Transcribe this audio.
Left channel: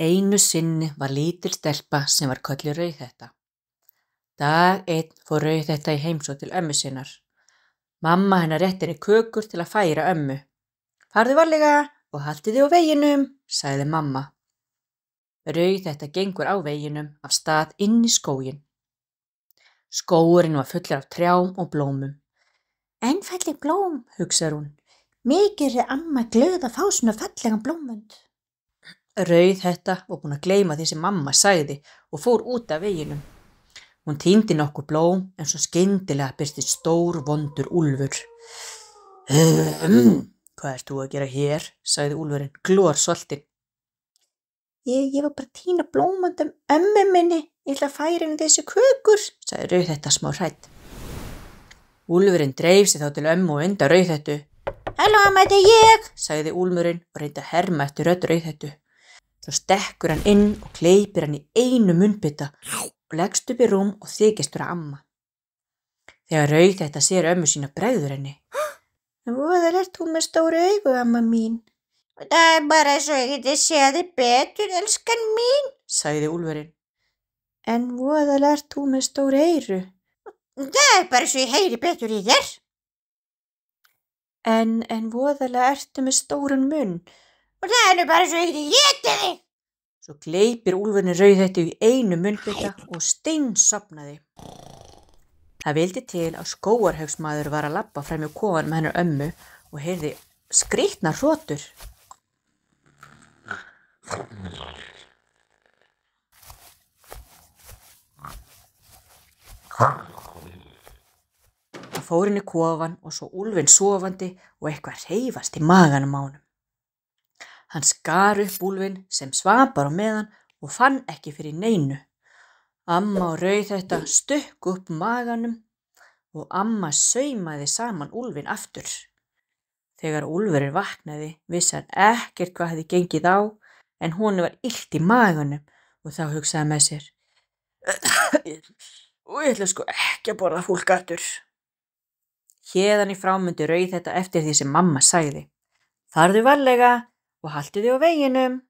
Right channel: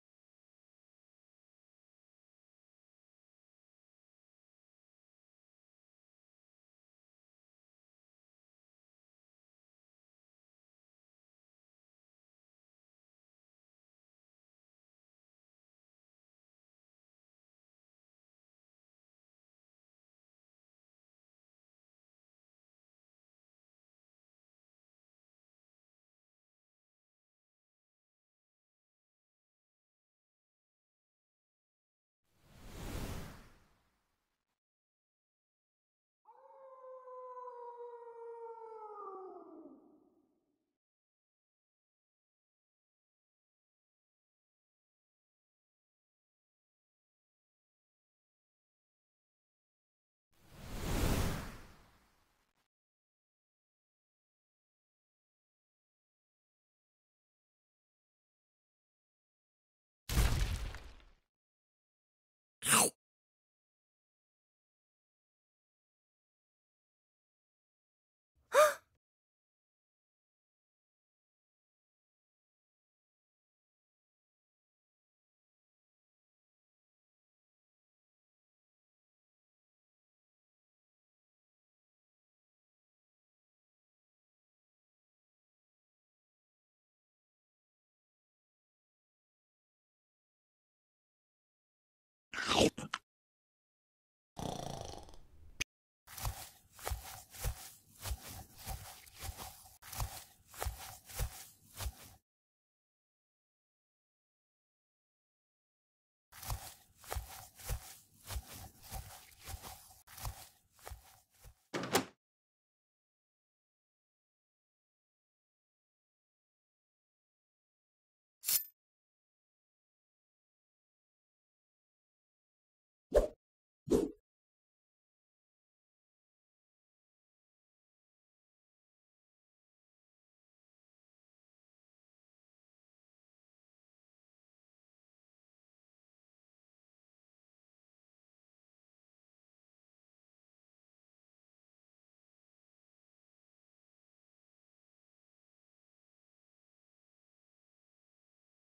Einu sinni var lítil stelpa sem var kölluð Rauðhetta. Dag einn fór Rauðhetta í heimsókn til ömmu sinnar. Mamma hennar rétti henni kökur til að færa ömmu. Farðu varlega og haltu þig á veginum, sagði mamma. Rauðhetta gengur á veginum af stað inn í skóginn. Skógurinn var fullur af trjám og blómum. En falleg blóm, hugsar hún. Mikið er amma glöð að fá svona fallegan blómvönd. Rauðhetta var búin að gleyma því sem mamma sagði og fór út af veginum. Hún tíndi nokkur blóm en svo skyndilega birtist stór vondur úlfur. Hvað ert þú að gera hér? Sagði úlfurinn glorsoltinn. Ég var bara að tína blómvönd ömmu minni. Ég ætla að færa henni þessi kökur, sagði Rauðhetta smá hrædd. Úlfurinn dreif sig þá til ömmu og undan Rauðhettu. Halló amma, þetta er ég, sagði úlfurinn og reyndi að herma eftir rödd Rauðhettu. Svo stekkur hann inn og kleipir hann í einu munnbita og leggst upp í rúm og þykist vera amma. Þegar Rauðhetta sér ömmu sína bregður henni. Voðalegt hún með stóru augu, amma mín. Það er bara svo ég geti séð þig betur, elskan mín, sagði úlfurinn. En voðalegt hún með stóru eyru. Það er bara svo ég heyri betur í þér. En voðalega ertu með stóran munn. Og það er nú bara svo ég geti étið þig. Svo gleypir úlfurinn Rauðhettu í einu munnbita og steinsofnaði. Það vildi til að skógarhaugsmaður var að labba fram í kofanum með hennar ömmu og heyrði skrýtnar hrotur. Hann fór inn í kofan og svo úlfinn sofandi og eitthvað hreyfast í maganum á honum. Hann skar upp úlfinn sem svaf bara á meðan og fann ekki fyrir neinu. Amma og Rauðhetta stukku upp maganum og amma saumaði saman úlfinn aftur. Þegar úlfurinn vaknaði vissi hann ekkert hvað hefði gengið á en honum var illt í maganum og þá hugsaði hann með sér. Og ég ætla sko ekki að borða fólk aftur. Héðan í frá myndi Rauðhetta eftir því sem mamma sagði. Farðu varlega og haltu þig á veginum.